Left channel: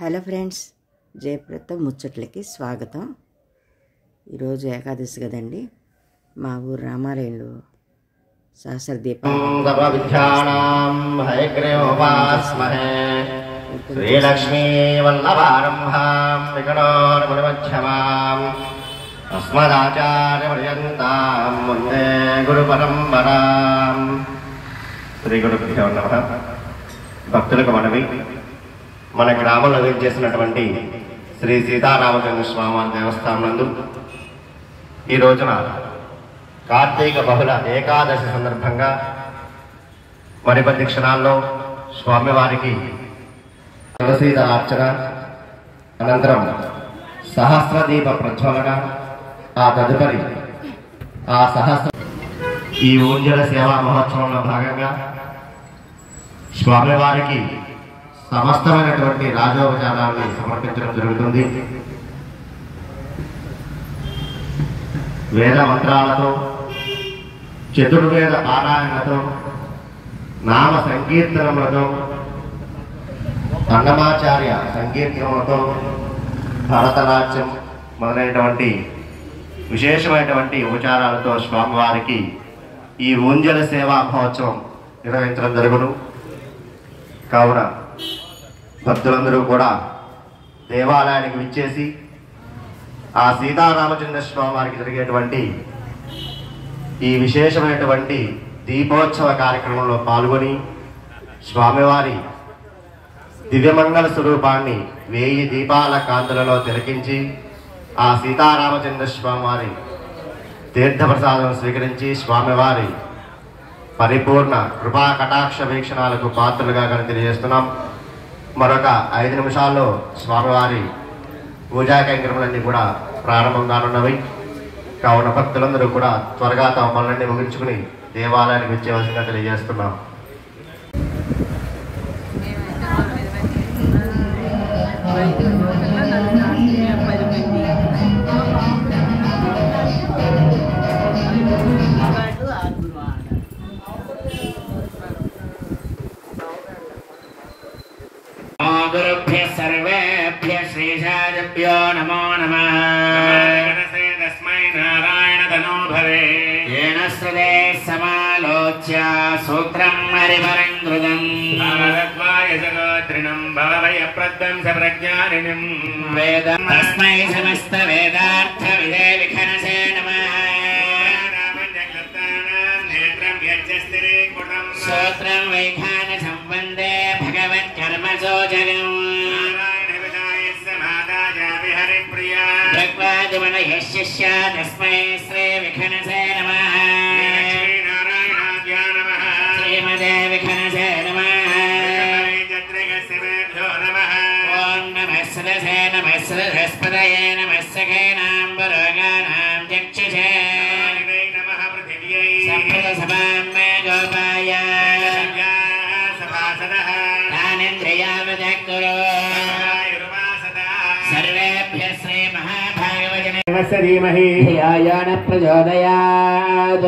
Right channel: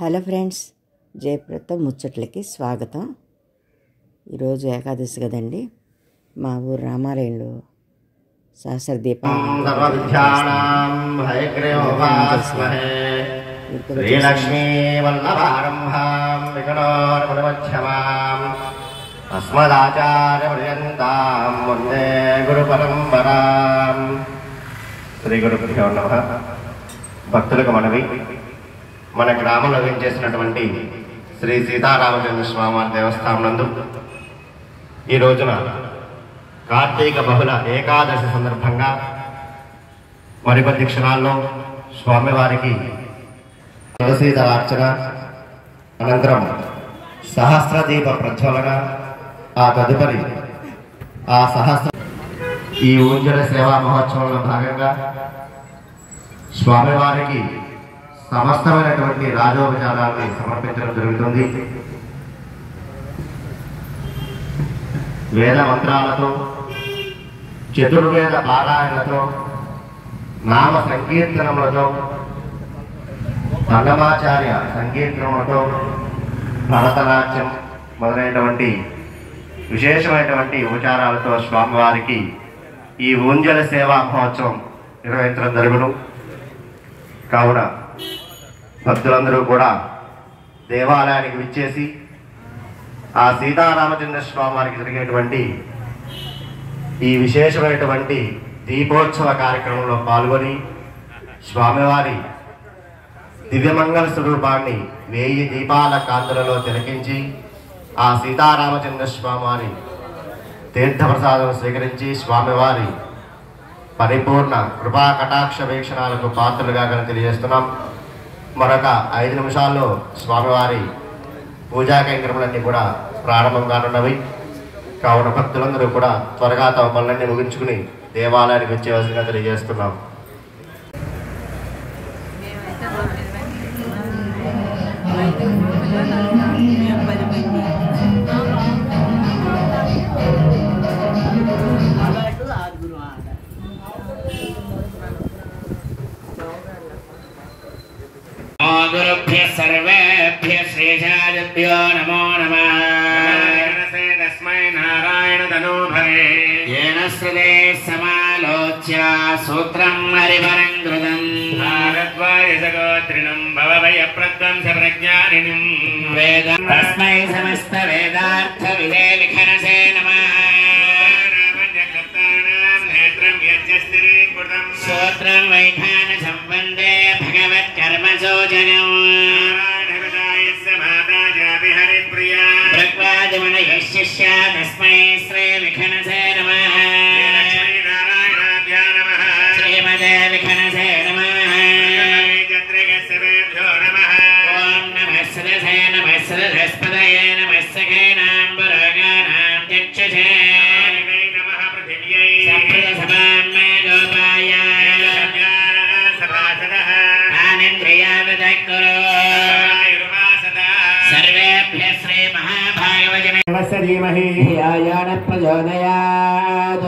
Hello friends, జయప్రత ముచ్చట్లకి స్వాగతం. ఈరోజు ఏకాదశి కదండి. మా ఊరు రామాలయంలో సహస్ర శ్రీలక్ష్మీ వల్లభారంభాం వికటోర్మధ్యమాం అస్మదాచార్యపర్యంతాం వందే గురు పరంపరాం. శ్రీ గురుభ్యో నమః. భక్తులకు మనవి, మన గ్రామంలో వేంచేసినటువంటి శ్రీ సీతారామచంద్ర స్వామి దేవస్థానం నందు ఈ రోజున కార్తీక బహుళ ఏకాదశి సందర్భంగా మరికొద్ది క్షణాల్లో స్వామివారికి తులసీదళార్చన, అనంతరం సహస్రదీప ప్రజ్వలన, ఆ తదుపరి ఈ ఊంజల సేవా మహోత్సవంలో భాగంగా స్వామివారికి సమస్తమైనటువంటి రాజోపచారాన్ని సమర్పించడం జరుగుతుంది. వేద మంత్రాలతో, చతుర్వేద పారాయణలతో, నామ సంకీర్తనములతో, అన్నమాచార్య సంకీర్తనలతో, భరతనాట్యం మొదలైనటువంటి విశేషమైనటువంటి ఉపచారాలతో స్వామివారికి ఈ ఊంజల సేవా మహోత్సవం నిర్వహించడం జరుగును. కావున భక్తులందరూ కూడా దేవాలయానికి విచ్చేసి ఆ సీతారామచంద్ర స్వామి వారికి జరిగేటువంటి ఈ విశేషమైనటువంటి దీపోత్సవ కార్యక్రమంలో పాల్గొని స్వామివారి దివ్యమంగళ స్వరూపాన్ని 1000 దీపాల కాంతులలో తిలకించి ఆ సీతారామచంద్ర స్వామి వారి తీర్థప్రసాదం స్వీకరించి స్వామివారి పరిపూర్ణ కృపా కటాక్ష వీక్షణాలకు పాత్రలుగా తెలియజేస్తున్నాం. మరొక 5 నిమిషాల్లో స్వామివారి పూజా కైంకర్యములన్నీ కూడా ప్రారంభం కానున్నవి. కావున భక్తులందరూ కూడా త్వరగా తమ పనులన్నీ ముగించుకుని దేవాలయానికి వచ్చేవలసిందిగా తెలియజేస్తున్నాం. गुरुभ्यः सर्वेभ्यः श्रीशादिभ्यो नमो नमः. तस्मै नारायण तनूभवे येन श्रुते समालोच्य सूत्रं हरिवरं कृतं नारद्वाय जगोत्रिणं भवभयप्रदं सप्रज्ञानिनं वेदं तस्मै समस्त वेदार्थविदे विखनसे नमः. सूत्रं वैखान संबन्धे भगवत्कर्मसो जगम् शिष्य तस्मै श्री विखनसे नमः. श्रीमते विखनसे नमः. ओम नमः सदसे नमः सदस्पदये नमः सखेनाम्बरगानां चक्षुषे सप्रदसभाम्मे गोपाय तानेन्द्रियावदः कुरु. सर्वेभ्यः श्री महाभागवजने धियायान प्रचोदयात्.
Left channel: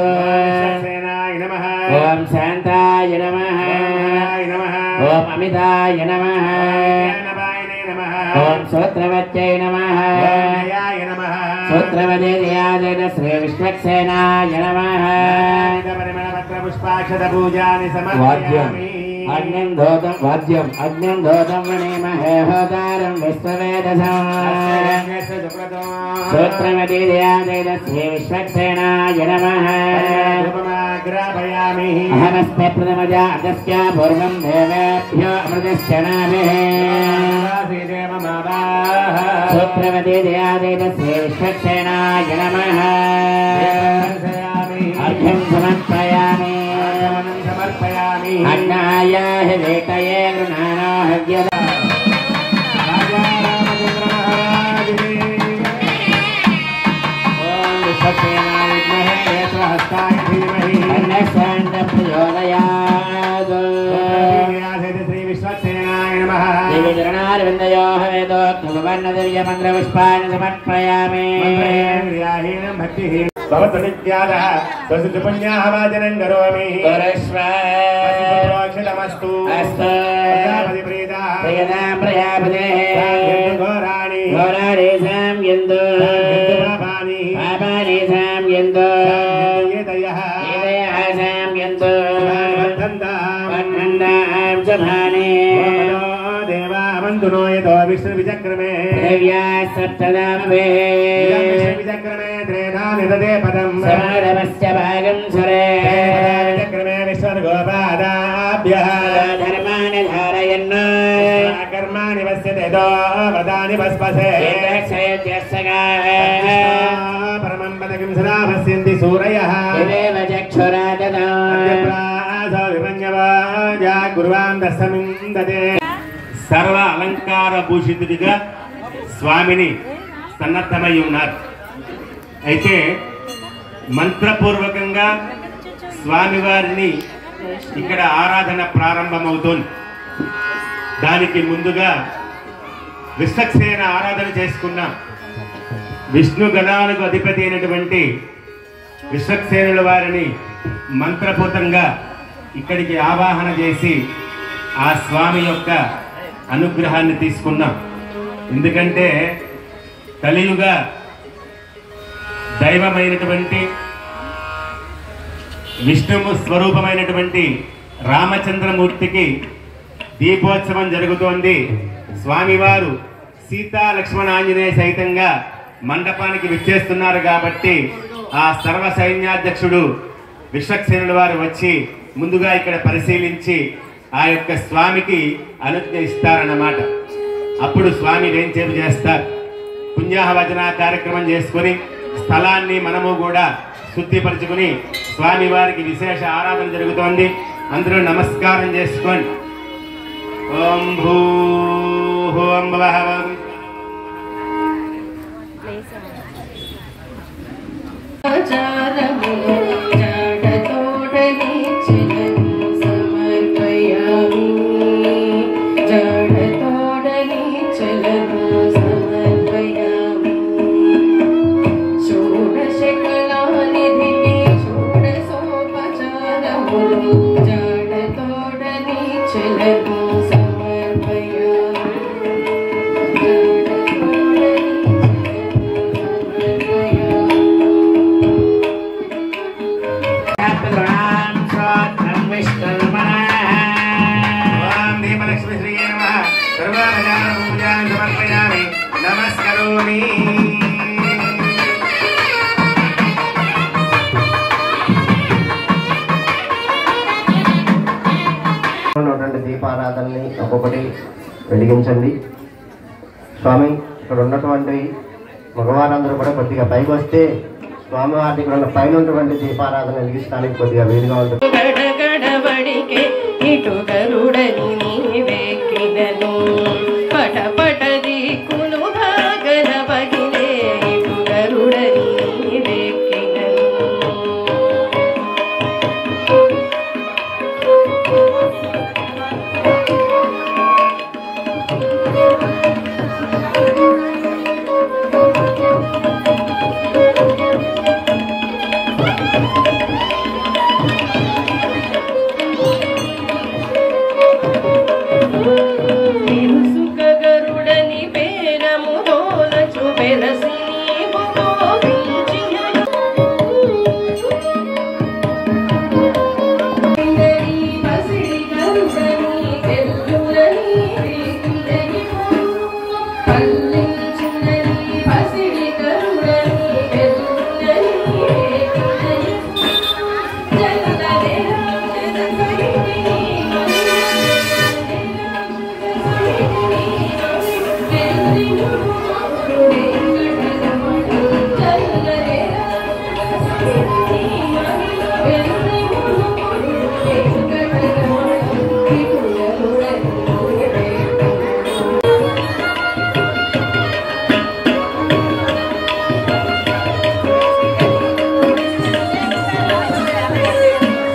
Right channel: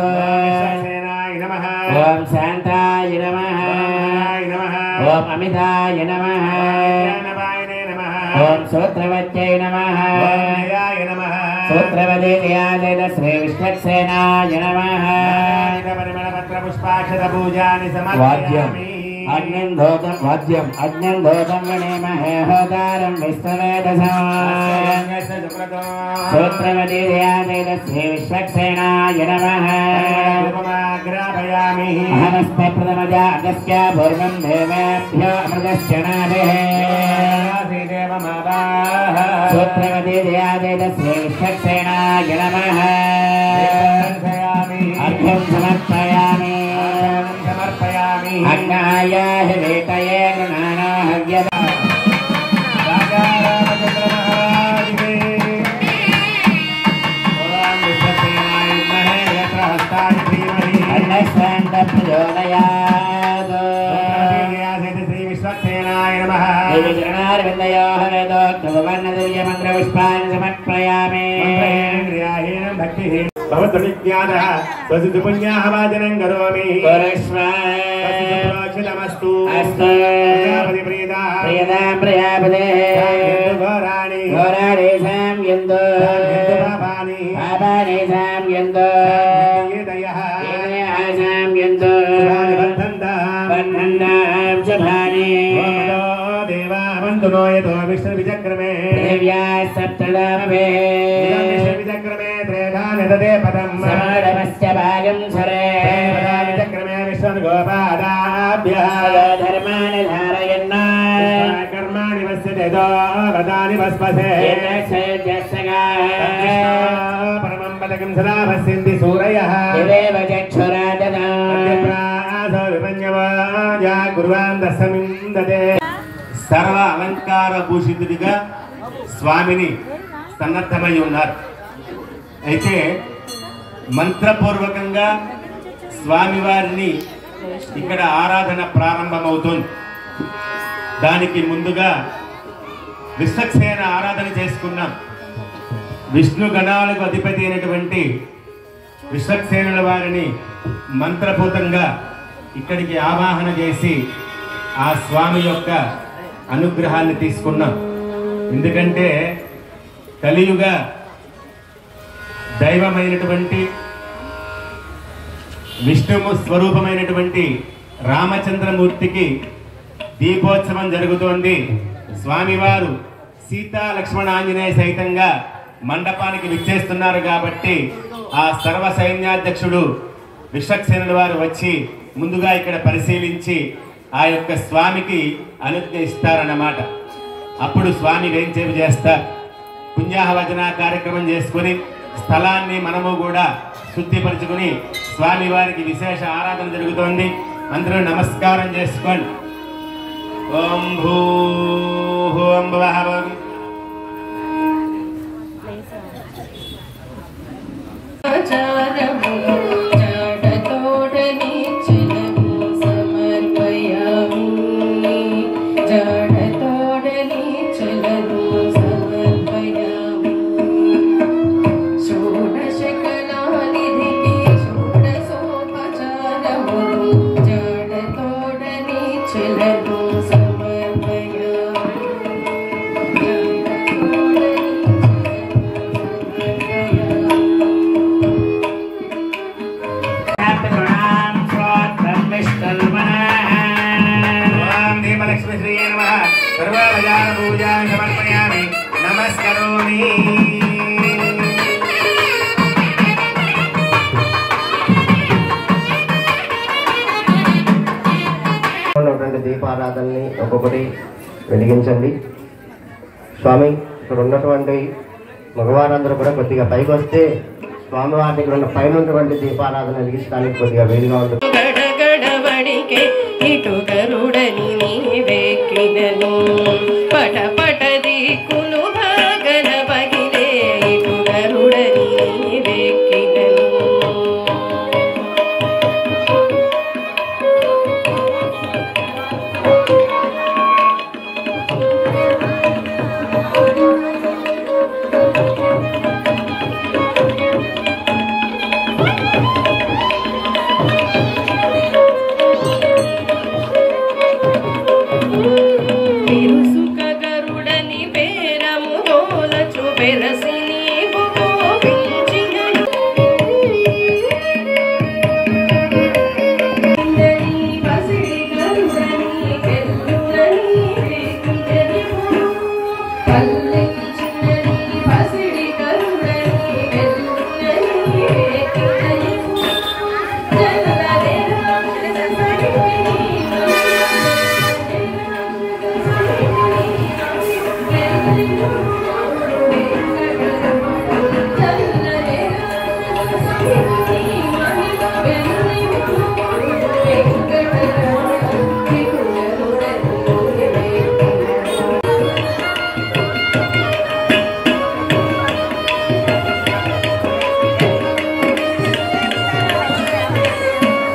ओम शांताय नमः. ओम अमिताय नमः. ओम सूत्रवत्यै नमः. सूत्रवते जयादेन श्री विष्णुसेनाय नमः. अग्निं धोतं गणेमहे होतारं विश्ववेदसं. सूत्रवती दयादेन श्री विश्वक्सेनाय नमः. अहमस्मै प्रथमजा अगस्त्य पूर्वं देवेभ्यो अमृतश्चनाभिः. सूत्रवती दयादेन श्री विश्वक्सेनाय नमः. अर्घ्यं समर्पयामि. अन्नाय वेटये गृहाणाहव्यदा. देवीचरणारविन्दयोः वेदोक्तवर्णदिव्यमन्त्रपुष्पाणि समर्पयामि. भवतुनित्यादः स्वसिद्धपुण्याः वाचनं करोमि. परश्वः सुरक्षितमस्तु. अस्तु. यदा प्रजापते घोराणि घोराणि साम्यन्तो पापानि पापानि साम्यन्तो एतयः साम्यन्तो बन्धन्तां शुभानि देवा वन्दुनो यतो विष्णुविचक्रमे देव्या सप्तनामवे विचक्रमे त्रेधानि ददे पदम् समरवस्य भागं सरे विचक्रमे विश्वगोपादाभ्यः धर्मान् धारयन् कर्माणि वस्यते दो वदानि वस्पसे परमं पदकिं सदा वस्यन्ति सूरयः देव चक्षुराजना गुरुवान् दशमिन्दते సర్వ అలంకార భూషితుడిగా స్వామిని సన్నద్ధమై ఉన్నారు. అయితే మంత్రపూర్వకంగా స్వామివారిని ఇక్కడ ఆరాధన ప్రారంభమవుతుంది. దానికి ముందుగా విశ్వక్సేన ఆరాధన చేసుకున్నాం. విష్ణు గణాలకు అధిపతి అయినటువంటి విశ్వక్సేనుల వారిని మంత్రపూతంగా ఇక్కడికి ఆవాహన చేసి ఆ స్వామి యొక్క అనుగ్రహాన్ని తీసుకున్నాం. ఎందుకంటే కలియుగ దైవమైనటువంటి విష్ణువు స్వరూపమైనటువంటి రామచంద్రమూర్తికి దీపోత్సవం జరుగుతోంది. స్వామివారు సీతా లక్ష్మణ ఆంజనేయ సహితంగా మండపానికి విచ్చేస్తున్నారు. కాబట్టి ఆ సర్వ సైన్యాధ్యక్షుడు విశ్వక్సేనుల వారు వచ్చి ముందుగా ఇక్కడ పరిశీలించి ఆ యొక్క స్వామికి అనుజ్ఞ ఇస్తారన్నమాట. అప్పుడు స్వామి వేంచేపు చేస్తారు. పుణ్యాహవచన కార్యక్రమం చేసుకుని స్థలాన్ని మనము కూడా శుద్ధిపరచుకుని స్వామివారికి విశేష ఆరాధన జరుగుతోంది. అందరూ నమస్కారం చేసుకోండి. ఓం భూం భువః దీపారాధనని ఒక్కొక్కటి వెలిగించండి. స్వామి ఇక్కడ ఉన్నటువంటి మగవారందరూ కూడా కొద్దిగా పైకి వస్తే స్వామివారి ఇక్కడ ఉన్న పైన ఉన్నటువంటి దీపారాధన వెలిగించడానికి కొద్దిగా వేలుగా ఉంటుంది.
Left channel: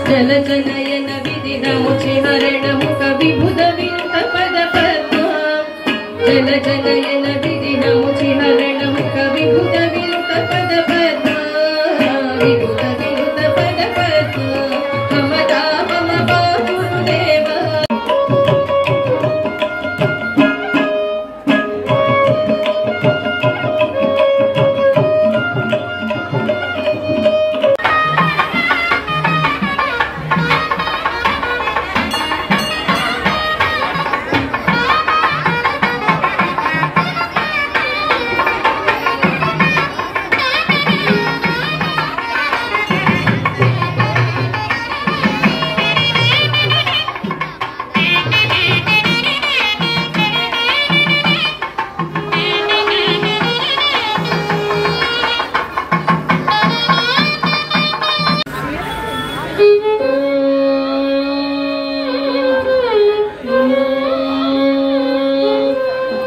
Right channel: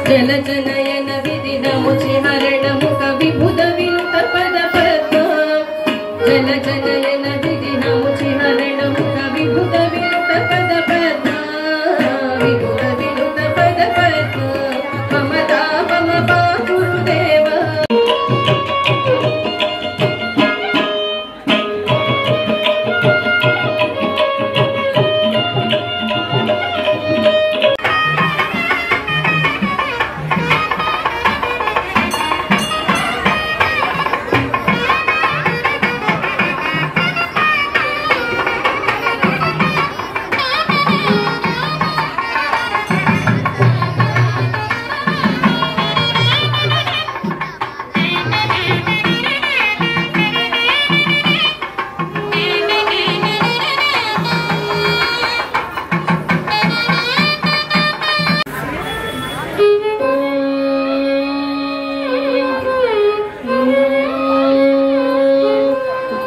జనజనయన విధినముచి హరణము కవి బుధ వినుత పద పద్మ జనజనయన విధినముచి హరణము కవి బుధ వినుత పద పద్మ విబుధ వినుత పద పద్మ మమతా మమ బాపురుదేవ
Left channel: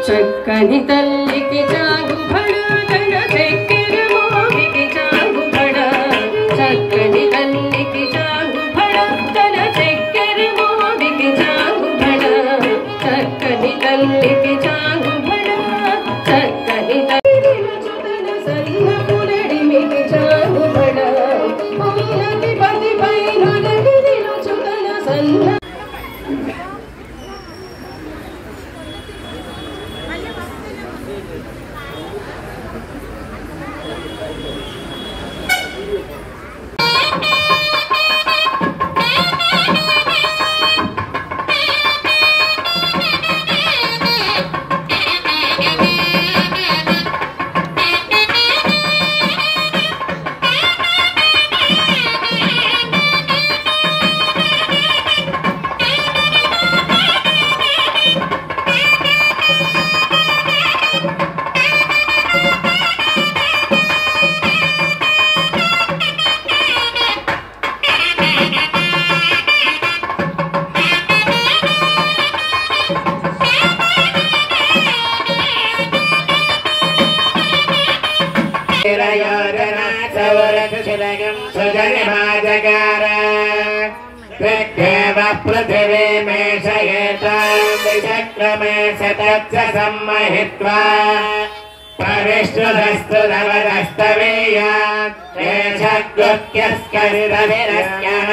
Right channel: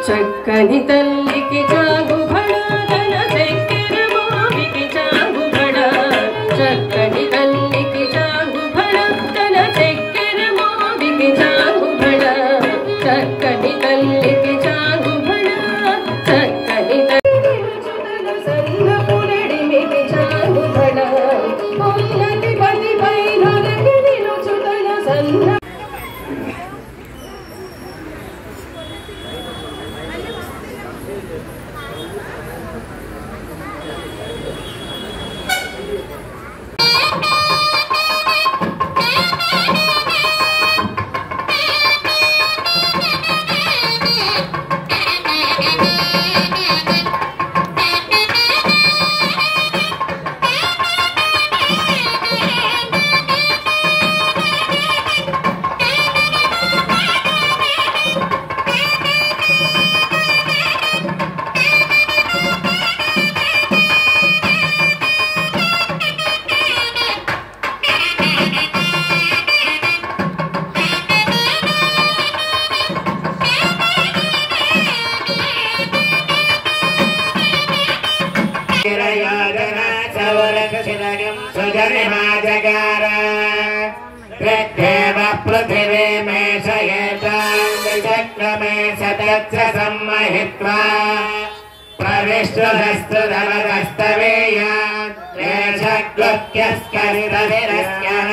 చక్కని తల్లికి చాగుబడ గణ చెక్కిన మోవికి చాగుబడ చక్కని తల్లికి చాగుబడ గణ చెక్కిన మోవికి చాగుబడ చక్కని తల్లికి చాగుబడ చక్కని తల్లి సన్న పులడిమికి చాగుబడ పొన్నటి పది పైన నిలుచుదల సన్న पृथिवी मे शयेतान्द्रिचक्रमे शतच्च सम्महित्वा प्रविष्टुधस्तु नवदस्तवेयात् एषक्लुक्यस्करितविरस्यः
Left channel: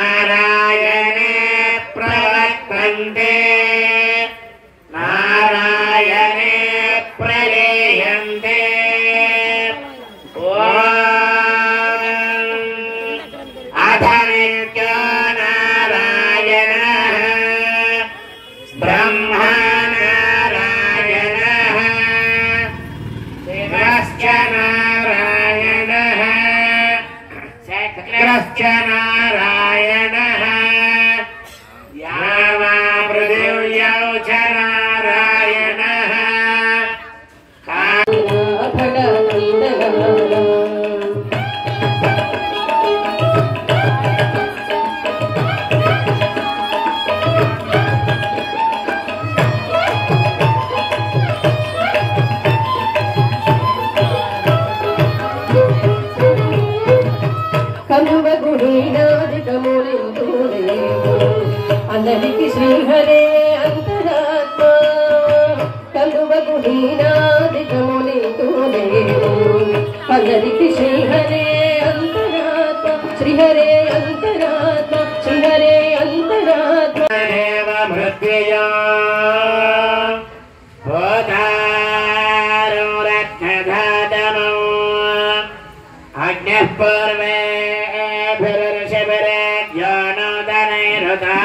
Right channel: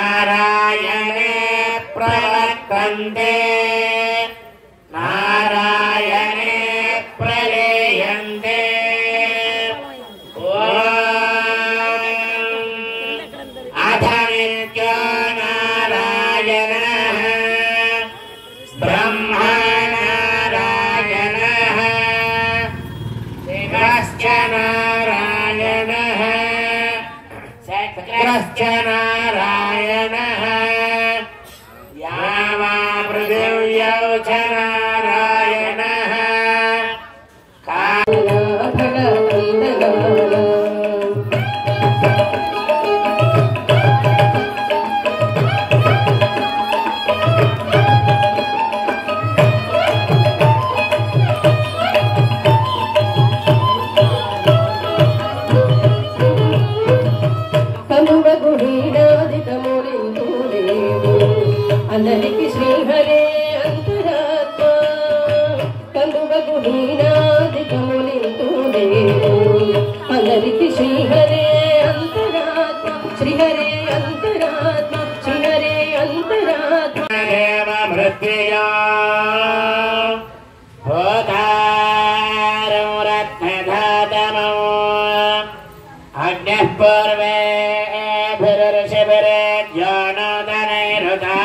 नारायणे प्रवर्तन्ते नारायणे प्रलीयन्ते अथ नित्यो नारायणः ब्रह्मा नारायणः शिवश्च नारायणः शक्रश्च नारायणः यावा पृथिव्यौ च नारायणः यज्ञः पूर्वेभिर्षिभिर्ज्ञानोदनैरुता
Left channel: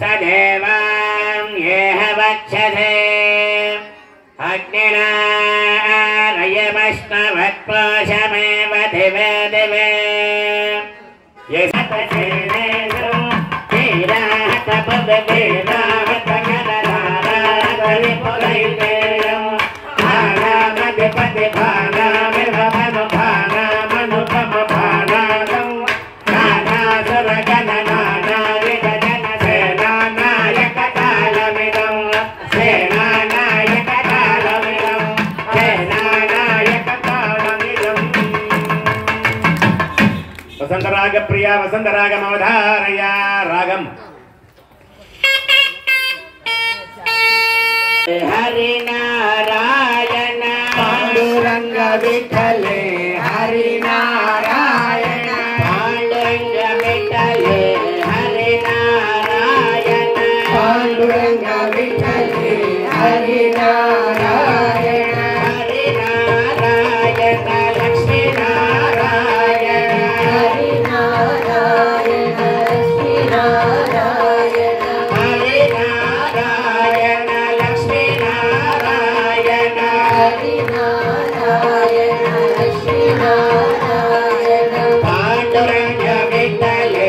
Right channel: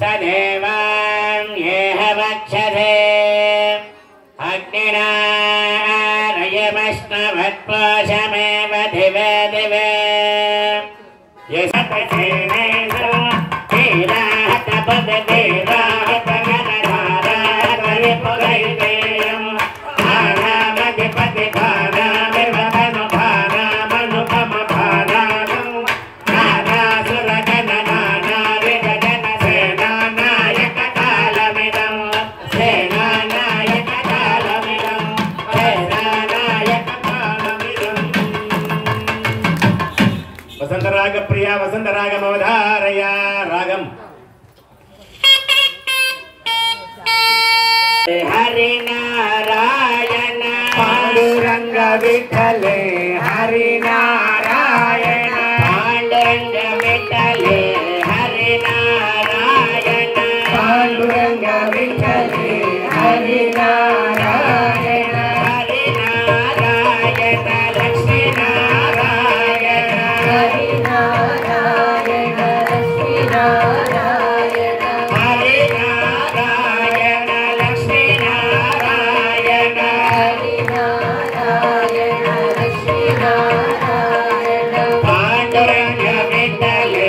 स देवां येह वक्षसे अग्निना रयमश्नवत्पाशमेव दिवे दिवे यशपसेनेषु ीराहतपदेराहतगणराधारिपुरैतेयम् आनामधिपतिभानामिर्वमनुभानामनुपमभानागम् नानासुरगणनानाविदजनसेनानायककालमिदम् सेनानायककालमिदम् सेनानायककालमिदम् वसंतराग प्रिया वसंतरागमवधारया रागम हरिनारायण पांडुरंग विठले हरिनारायण पांडुरंग विठले हरिनारायण पांडुरंग विठले हरिनारायण हरिनारायण लक्ष्मी नारायण हरिनारायण लक्ष्मी नारायण हरिनारायण लक्ष्मी नारायण हरिनारायण लक्ष्मी नारायण पांडुरंग विठले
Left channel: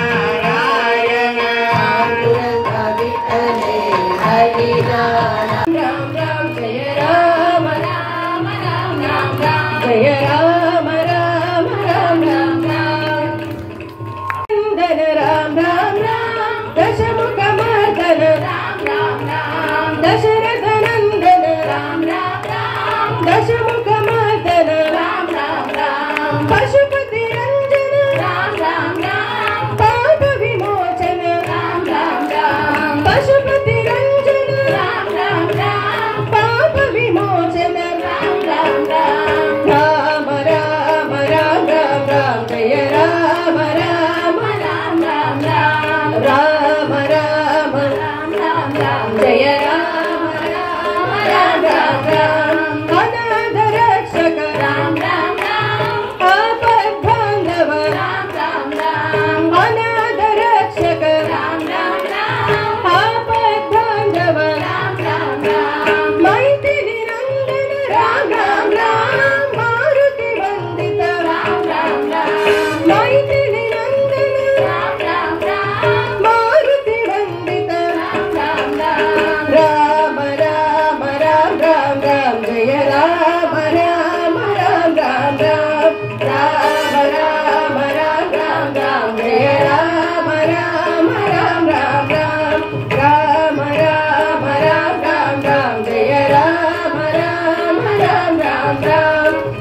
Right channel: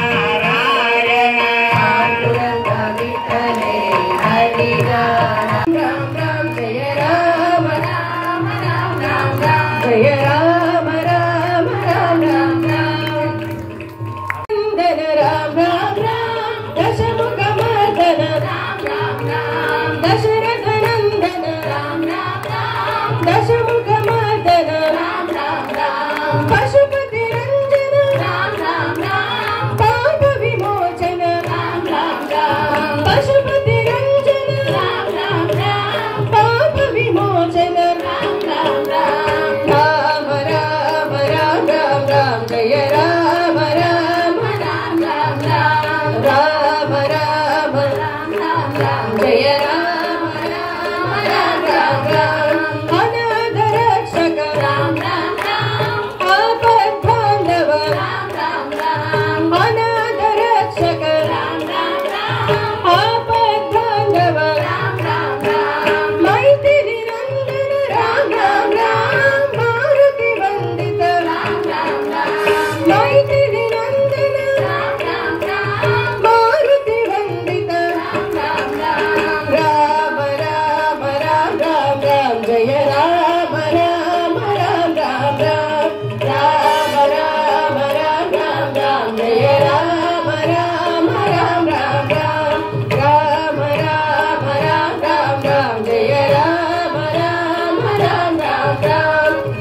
हरिनारायण पांडुरंग विठले हरिनारायण राम राम जय राम राम राम राम राम जय राम राम राम राम राम नंदन राम राम राम दशमुख मर्दन राम राम राम दशरथ नंदन राम राम राम दशमुख मर्दन राम राम राम पशुपति रंजन राम राम राम पाप विमोचन राम राम राम पशुपति रंजन राम राम राम पाप विमोचन राम राम राम राम राम राम राम राम जय राम राम राम राम राम राम राम राम राम राम जय राम राम राम राम राम अनाथ रक्षक राम राम राम आपद बांधव राम राम राम अनाथ रक्षक राम राम राम आपद बांधव राम राम राम मैथिली नंदन राम राम राम मारुति वंदित राम राम राम मैथिली नंदन राम राम राम मारुति वंदित राम राम राम राम राम राम राम राम जय राम राम राम राम राम राम राम राम राम राम जय राम राम राम राम राम राम राम राम राम राम जय राम राम राम राम राम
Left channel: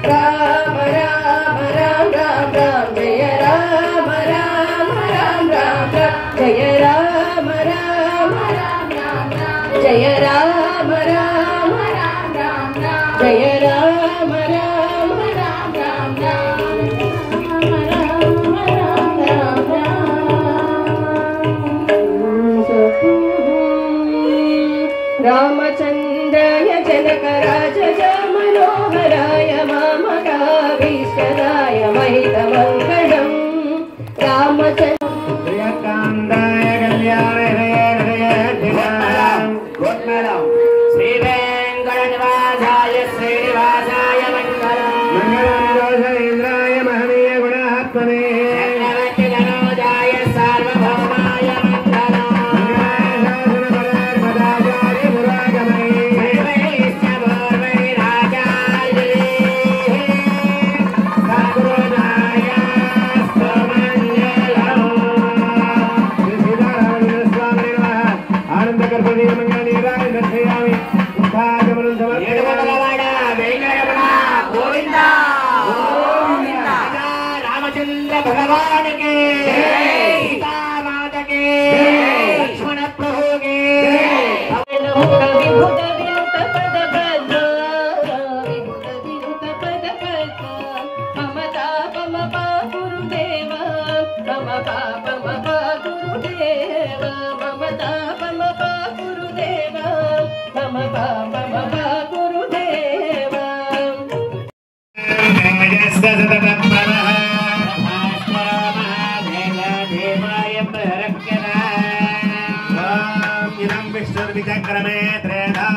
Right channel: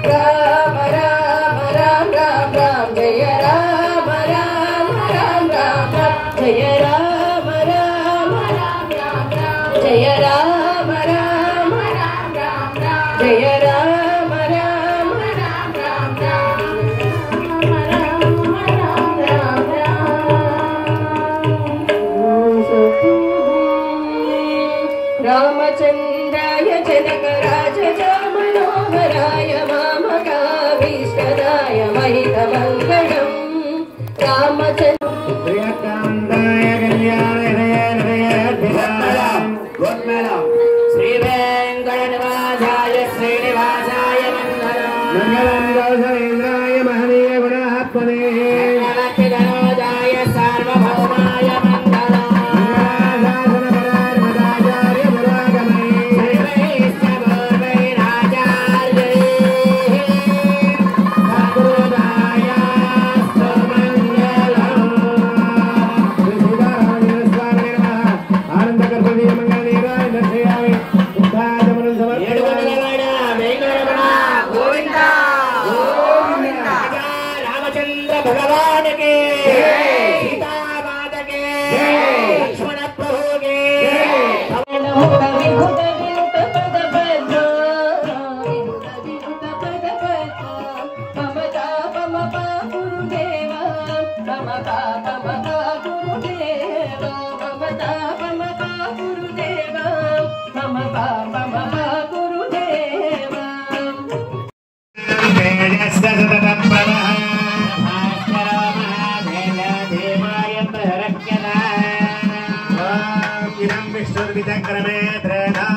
राम राम राम राम राम जय राम राम राम राम राम जय राम राम राम राम राम जय राम राम राम राम राम जय राम राम राम राम रामचन्द्राय जनकराज मनोहराय मामकाभीष्टदाय महितमङ्गलम् रामचन्द्र प्रियकान्ताय कल्याणय श्री वेङ्कटनिवासाय श्रीनिवासाय मङ्गलम् मङ्गलम् महनीय गुणात्मने धनोजाय सार्वभौमाय भगवान के सीता माता के लक्ष्मण प्रभु के विभुत विनुत पद पद विभुत विनुत पद पद ममता मम पा गुरुदेव मम पा गुरुदेव ममता मम पा गुरुदेव मम पा गुरुदेव विष्णुर्विचक्रमे त्रेधा